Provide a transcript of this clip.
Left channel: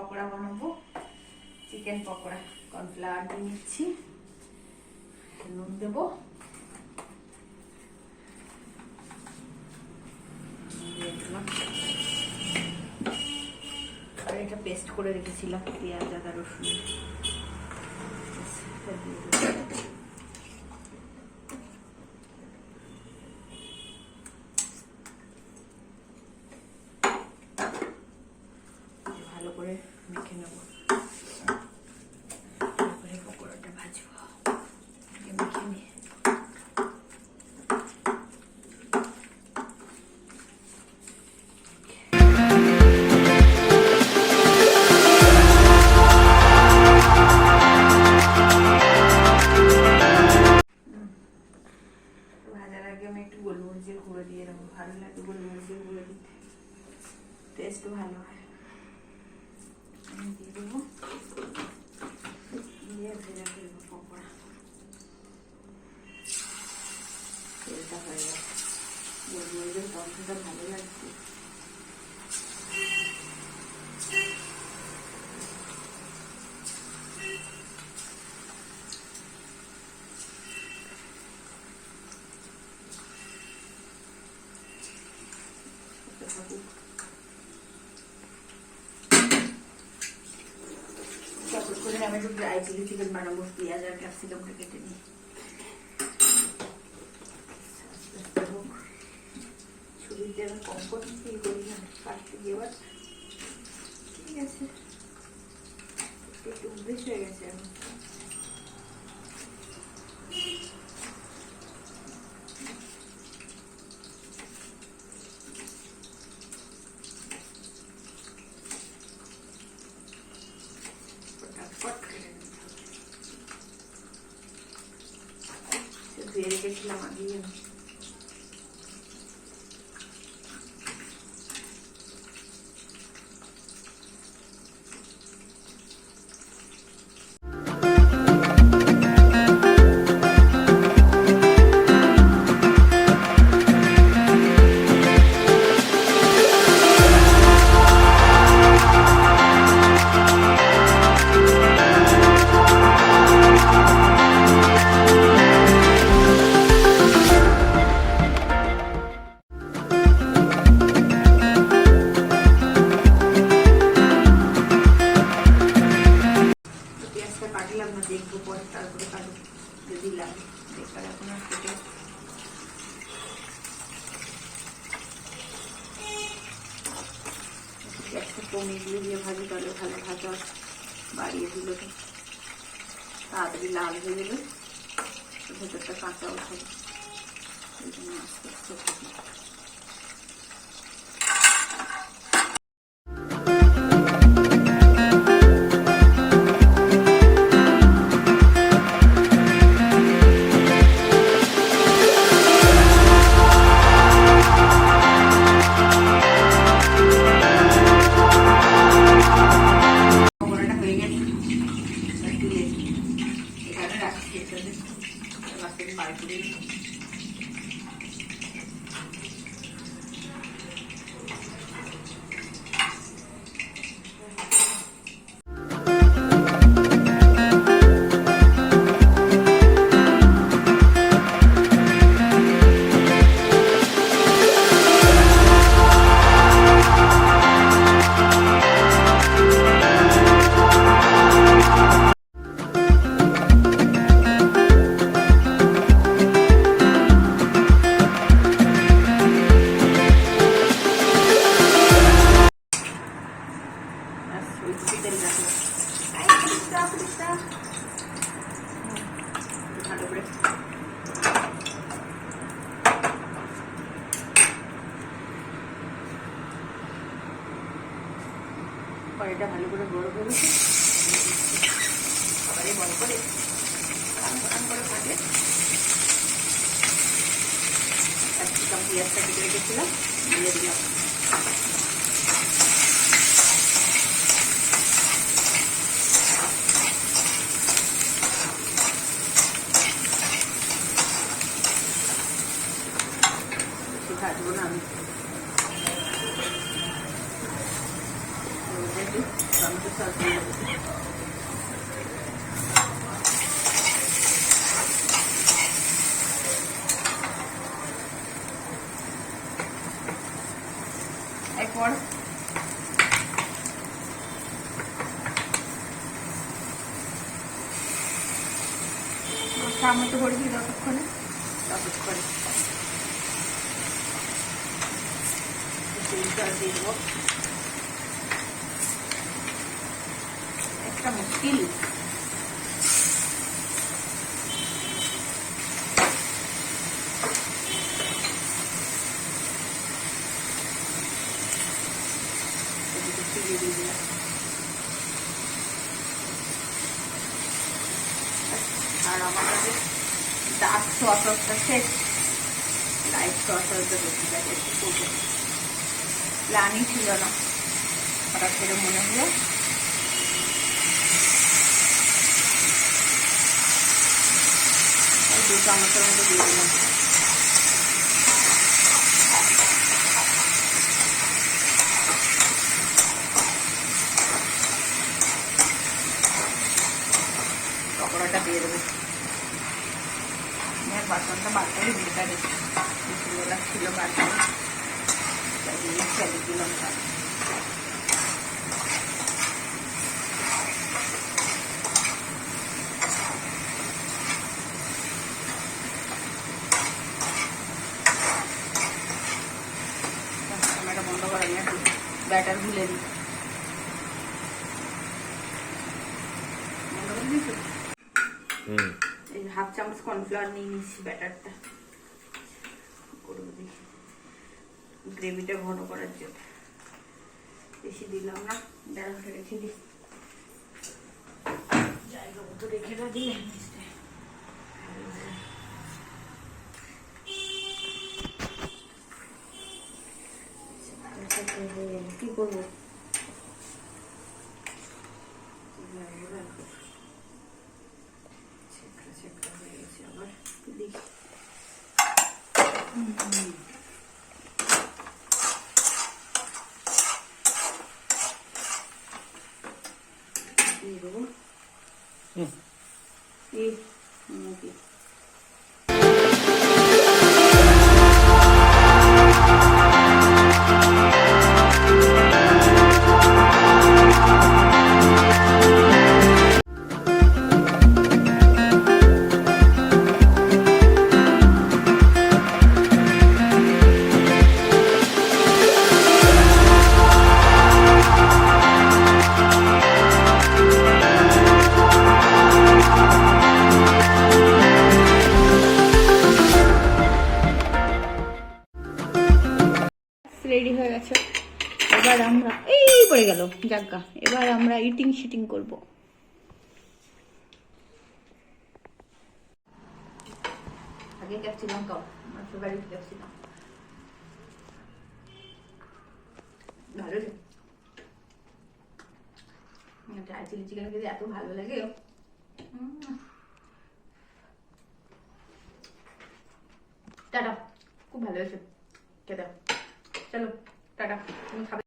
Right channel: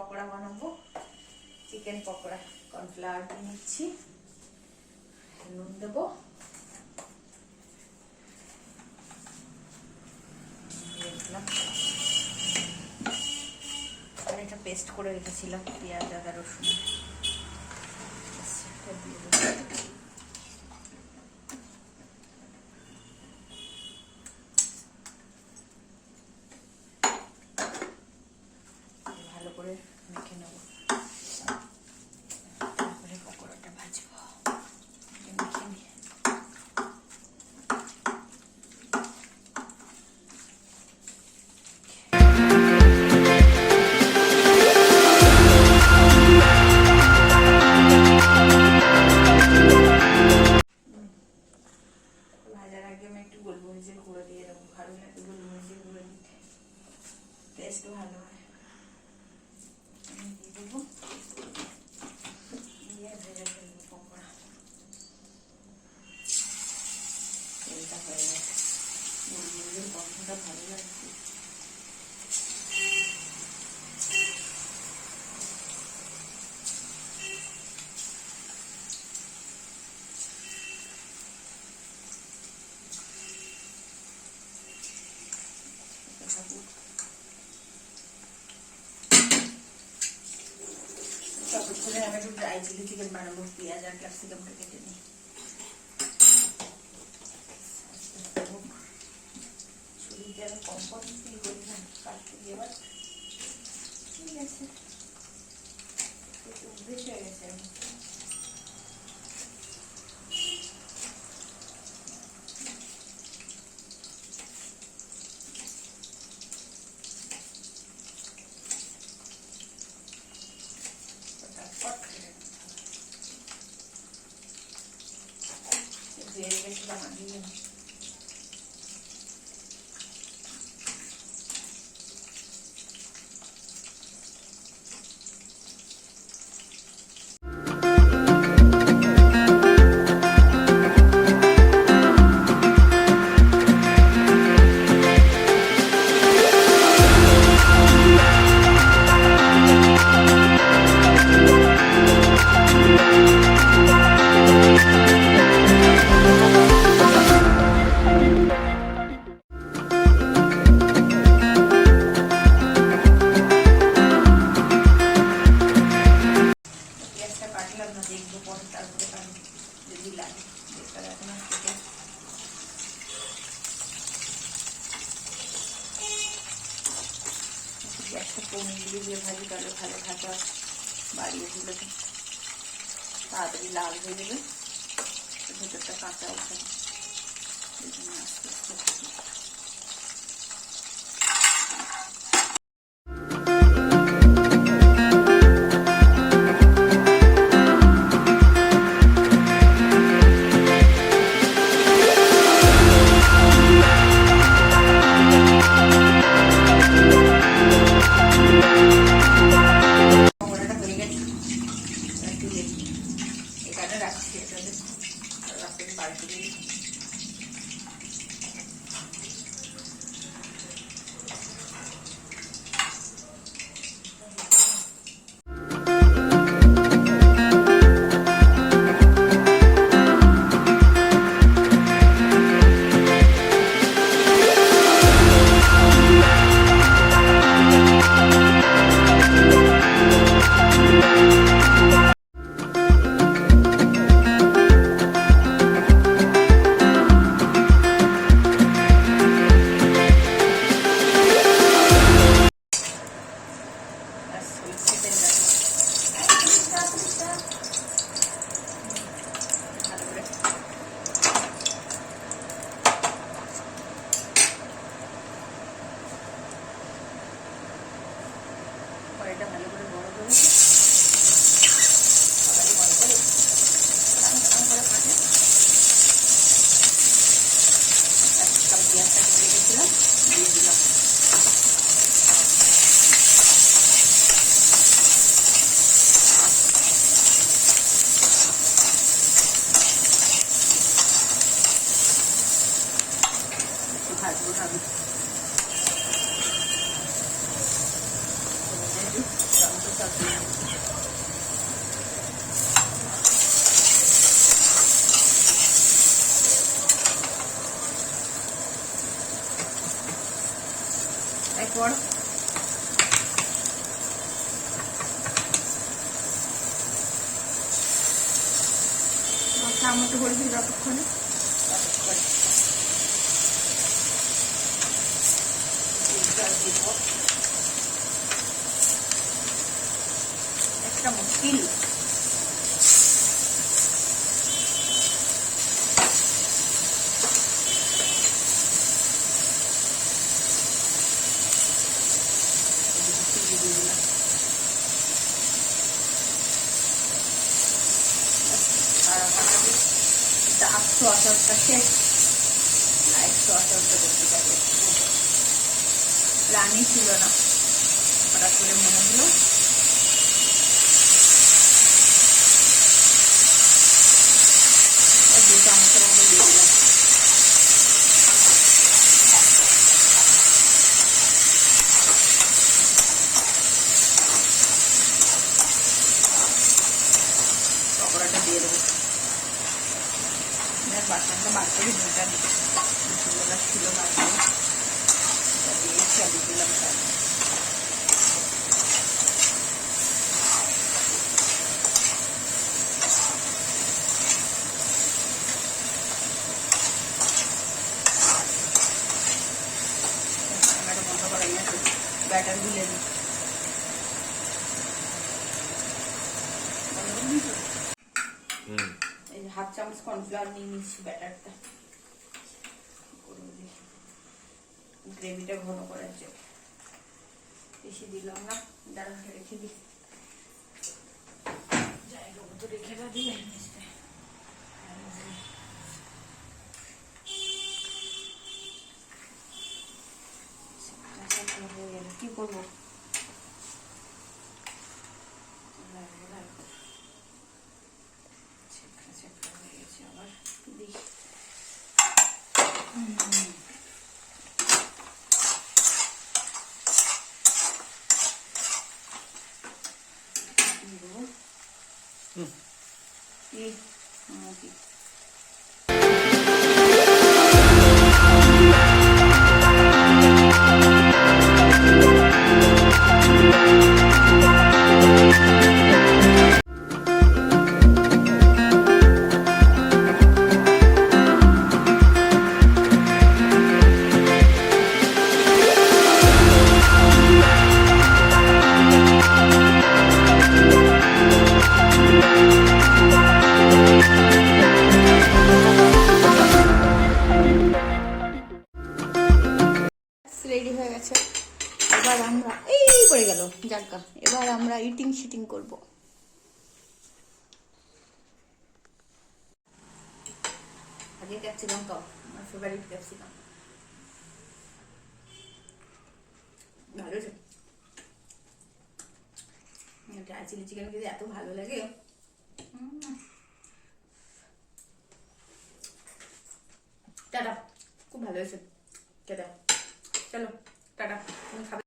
পকোড়া বানাবো, চিকেন পকোড়া। কর্নফ্লাওয়ার দিয়ে নিচ্ছি, নুন দেবো, আর এটা পেস্ট করে রেখেছিলাম পেঁয়াজ আদা রসুন, ভালো করে মেখে নেব। তারপরে পকোড়াটা ভাজবো, মেখে নিয়ে গোলমরিচের গুঁড়ো দিয়ে দেবো। ভালো লাগে গোলমরিচের গুঁড়ো দিতে, টেস্ট ভালো হয়। দিয়ে দেবো, দিয়ে ভেজে ফেলবো পকোড়া। তেলটা হয়ে গেছে, গোলমরিচের গন্ধটা ভালো লাগছে। আমি একটু ড্রাই চিলি চিকেন বানাবো, পেঁয়াজ আর ক্যাপসিকামটা কেটে নিই। ছুরিতে আমি কমফোর্ট ফিল করি না কাটতে গিয়ে, এবার ঠিক আছে, একটু অভ্যেস হয়ে গেছে এখন। ধুয়ে রেখেছিলাম আগে। কাটলাম না, দেখবো পরে, তারপরে কাটবো যদি লাগে। বেকার এখন আর কেটে গ্যাসটা কমিয়ে দিয়ে ভাজি, তাহলে ভালো ভাজা বাড়িয়ে দিলে তো তাড়াতাড়ি লাল হয়ে যাবে, ভেতরটা কাঁচা উঠবে। এই জন্য আস্তে আস্তে ভাজি। কড়াইটা ভালো করে গরম হয়ে গেছে, ভালো করে থাকে। ক্যাপসিকাম পেঁয়াজটা কেটে রেখেছিলাম, দিয়ে দিলাম। ভাজবো না আমি, একটু টমেটো সস দিয়ে দিচ্ছি। এরপর চামচ করে দিই যতক্ষণে ততক্ষণে জল দিয়ে দেবো একটা মুশকিল। দিয়ে দিলাম আর আমাদের ডার্ক সসটা শেষ, লাইট সসটা বেশি যাবে একটু করবো। প্ল্যানই ছিল না, হঠাৎ করে মনে হলো। দু চামচের মতো দিয়ে দিলাম। পকোড়াটা দিয়ে দেবো। বাসনটা বাচ্চাকে দুটা নিচ্ছিলা ছিল বাচ্চা দিয়ে ফেলে দিলাম। রান্নাটা বন্ধ করে নিয়ে ব্যাটার গুলে দিই। এই 1/2 চামচ কর্নফ্লাওয়ার নিয়ে নিচ্ছি ব্যাটারটা গ্রেভিটা ঘন করার জন্য। বেশি দিলাম না, দাঁড়া রেখে দিই, জায়গা মতো রেখে দিই। কি করবো হয়ে গেছে আবার রেডি হয়ে গেছে। এবার আমরা এই পড়ে গেল জায়গা, এবার আমরা ইটিং শিটিং করবো। আগে ক্যাপসিকাম খাও, আমার ফেভারিট ক্যাপসিকাম। ভালো আছে, ড্রাই চিলি চিকেন খেতে এত ভালো লাগে। টাটা, খুব ভালো হয়েছে খেতে। চলো টাটা, তুমি খাবে।